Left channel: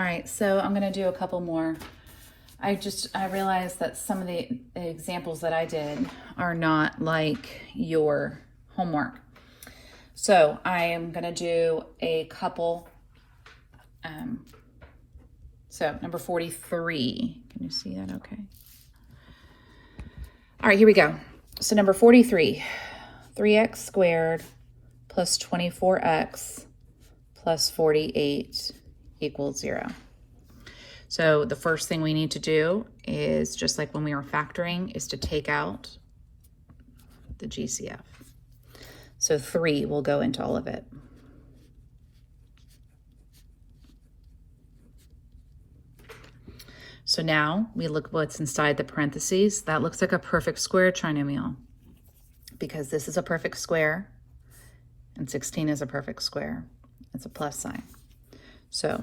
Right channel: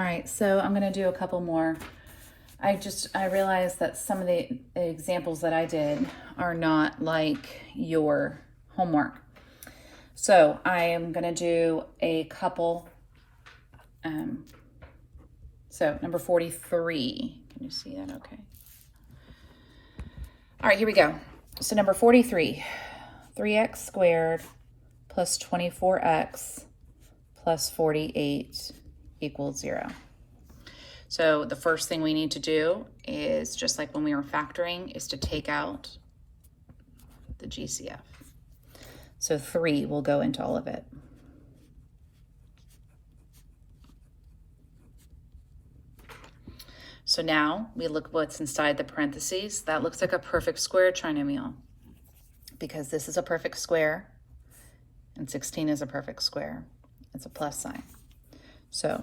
All right, so I'm gonna do a couple more. I realized that some of the examples that I did are not like your homework. So I am gonna do a couple. So number 43, can you see that okay? All right, here we go. So number 43, 3x squared plus 24x plus 48 equals 0. So the first thing we need to do is, just like when we were factoring, is to take out the GCF. So 3 will go into all of it. So now we look what's inside the parentheses. That looks like a perfect square trinomial because this is a perfect square and 16 is a perfect square. It's a plus sign. So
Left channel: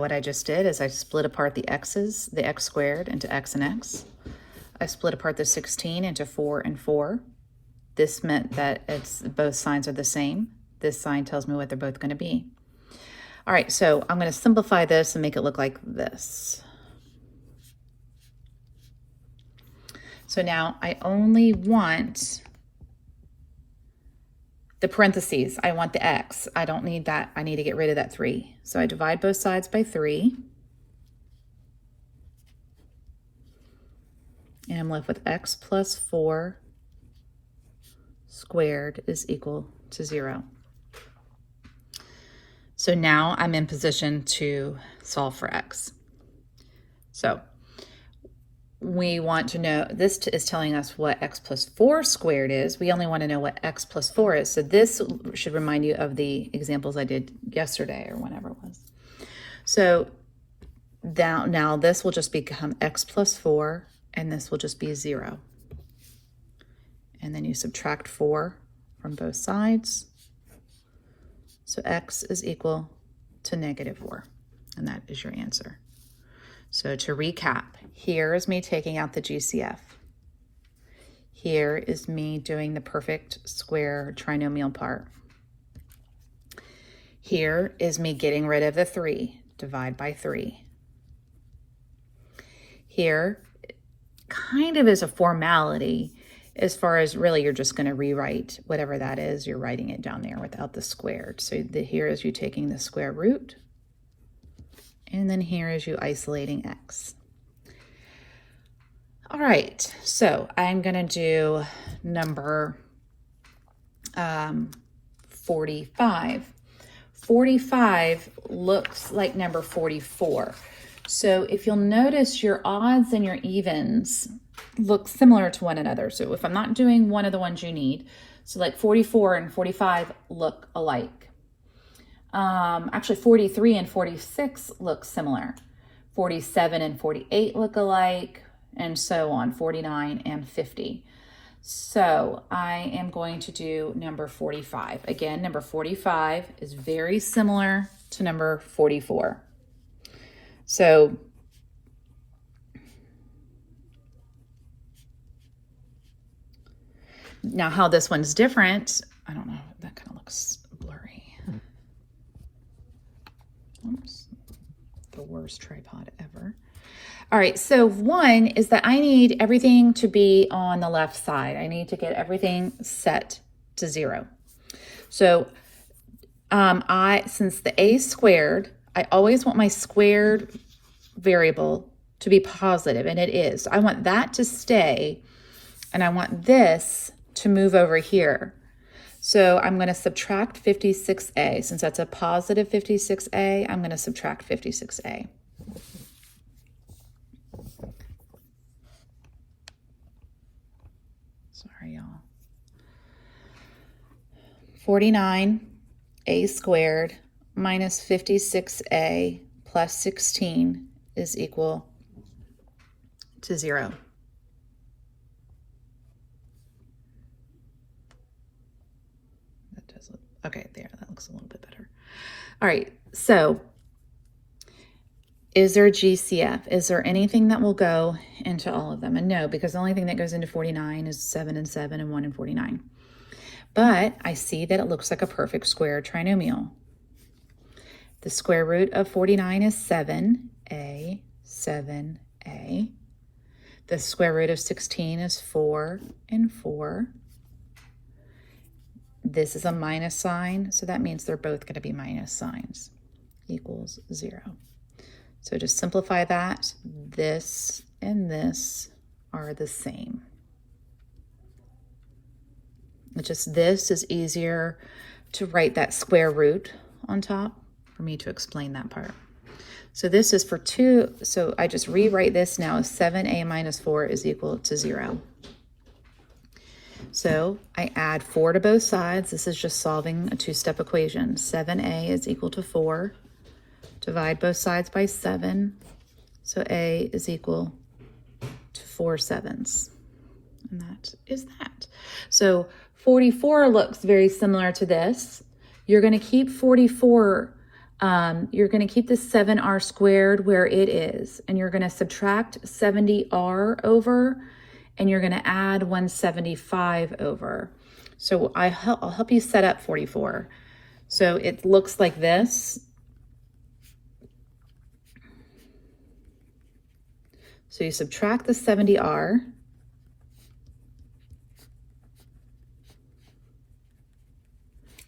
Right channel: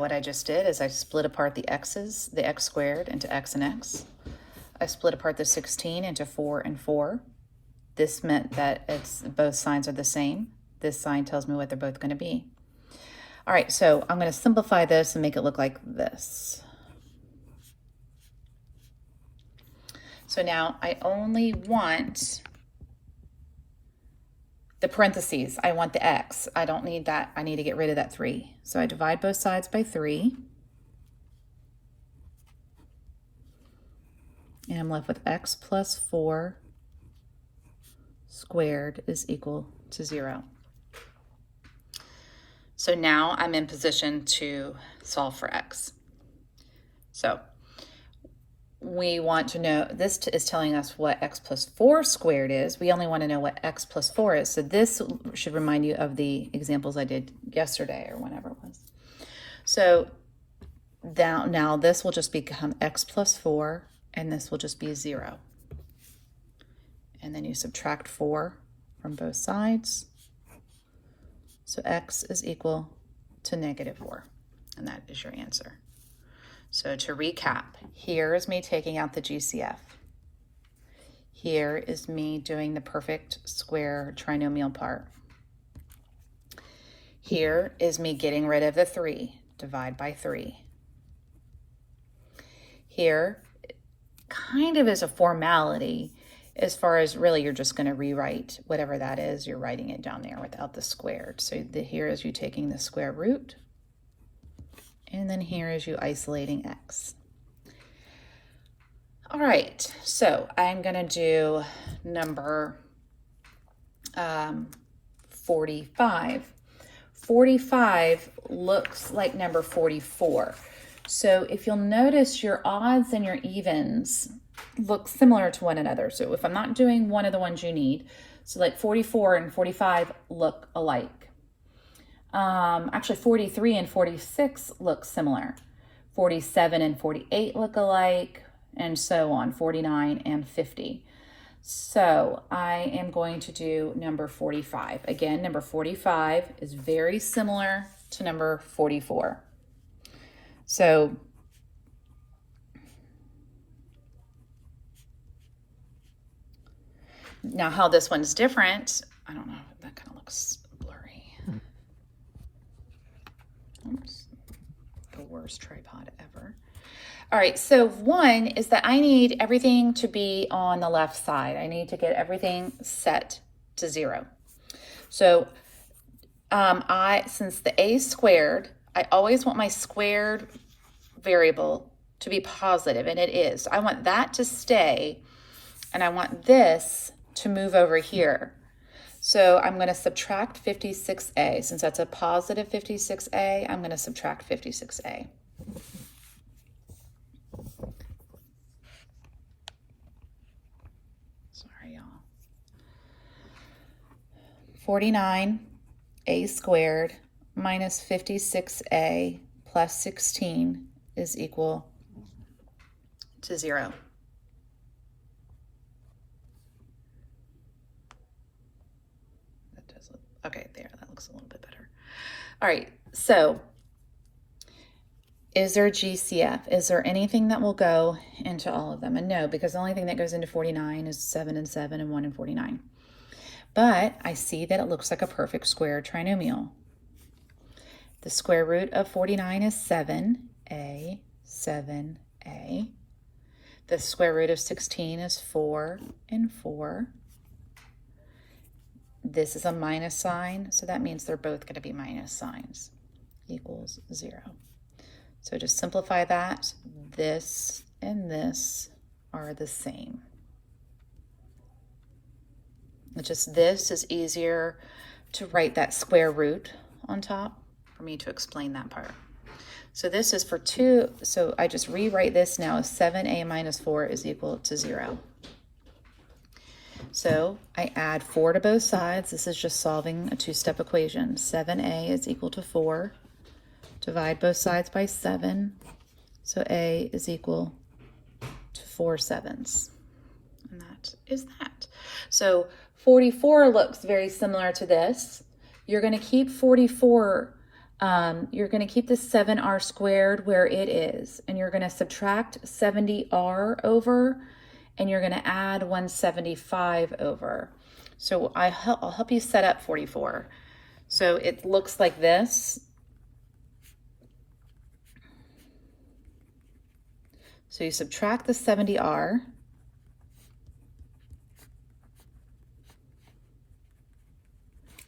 what I just did is I split apart the x's, the x squared, into x and x. I split apart the 16 into 4 and 4. This meant that both signs are the same. This sign tells me what they're both going to be. All right, so I'm going to simplify this and make it look like this. So now I only want the parentheses. I want the x. I don't need that. I need to get rid of that 3. So I divide both sides by 3. And I'm left with x plus 4 squared is equal to 0. So now I'm in position to solve for x. So we want to know, this is telling us what x plus 4 squared is. We only want to know what x plus 4 is. So this should remind you of the examples I did yesterday or whenever it was. So now this will just become x plus 4, and this will just be 0. And then you subtract 4 from both sides. So x is equal to -4, and that is your answer. So to recap, here is me taking out the GCF. Here is me doing the perfect square trinomial part. Here is me getting rid of the 3, divide by 3. Here kind of is a formality, as far as really you're just going to rewrite whatever that is, you're writing it down there without the squared. So here is you taking the square root, and then here is you isolating x. All right, so I'm going to do number 45. 45 looks like number 44. So if you'll notice, your odds and your evens look similar to one another. So if I'm not doing one of the ones you need, so like 44 and 45 look alike. Actually 43 and 46 look similar. 47 and 48 look alike, and so on, 49 and 50. So I am going to do number 45. Again, number 45 is very similar to number 44. So now how this one's different, I don't know, that kind of looks blurry. Oops, the worst tripod ever. All right, so one is that I need everything to be on the left side. I need to get everything set to 0. So since the a squared, I always want my squared variable to be positive, and it is. I want that to stay, and I want this to move over here. So I'm going to subtract 56a. Since that's a positive 56a, I'm going to subtract 56a. Sorry, y'all. 49a squared minus 56a plus 16 is equal to 0. That does look, okay, there, that looks a little bit better. All right, so is there a GCF? Is there anything that will go into all of them? And no, because the only thing that goes into 49 is 7 and 7 and 1 and 49. But I see that it looks like a perfect square trinomial. The square root of 49 is 7a, 7a. The square root of 16 is 4 and 4. This is a minus sign, so that means they're both going to be minus signs, equals 0. So just simplify that. This and this are the same. Just this is easier to write that square root on top for me to explain that part. So this is for 2, so I just rewrite this now as 7a minus 4 is equal to 0. So I add 4 to both sides. This is just solving a 2-step equation. 7a is equal to 4. Divide both sides by 7. So a is equal to 4 sevenths. And that is that. So 44 looks very similar to this. You're going to keep 44, you're going to keep the 7r squared where it is. And you're going to subtract 70r over, and you're going to add 175 over. So I'll help you set up 44. So it looks like this. So you subtract the 70r.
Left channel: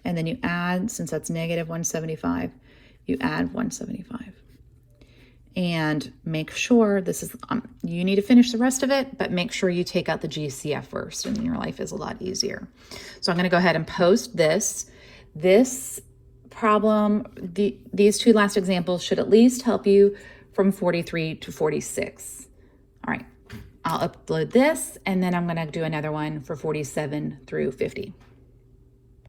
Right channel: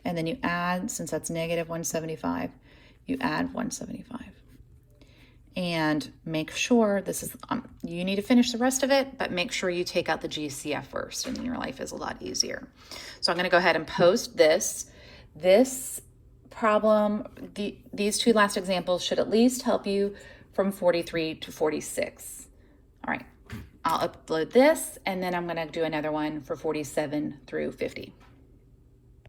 And then you add, since that's negative 175, you add 175. And make sure this is, you need to finish the rest of it, but make sure you take out the GCF first, and your life is a lot easier. So I'm going to go ahead and post this. This problem, these 2 last examples should at least help you from 43 to 46. All right, I'll upload this, and then I'm going to do another one for 47 through 50.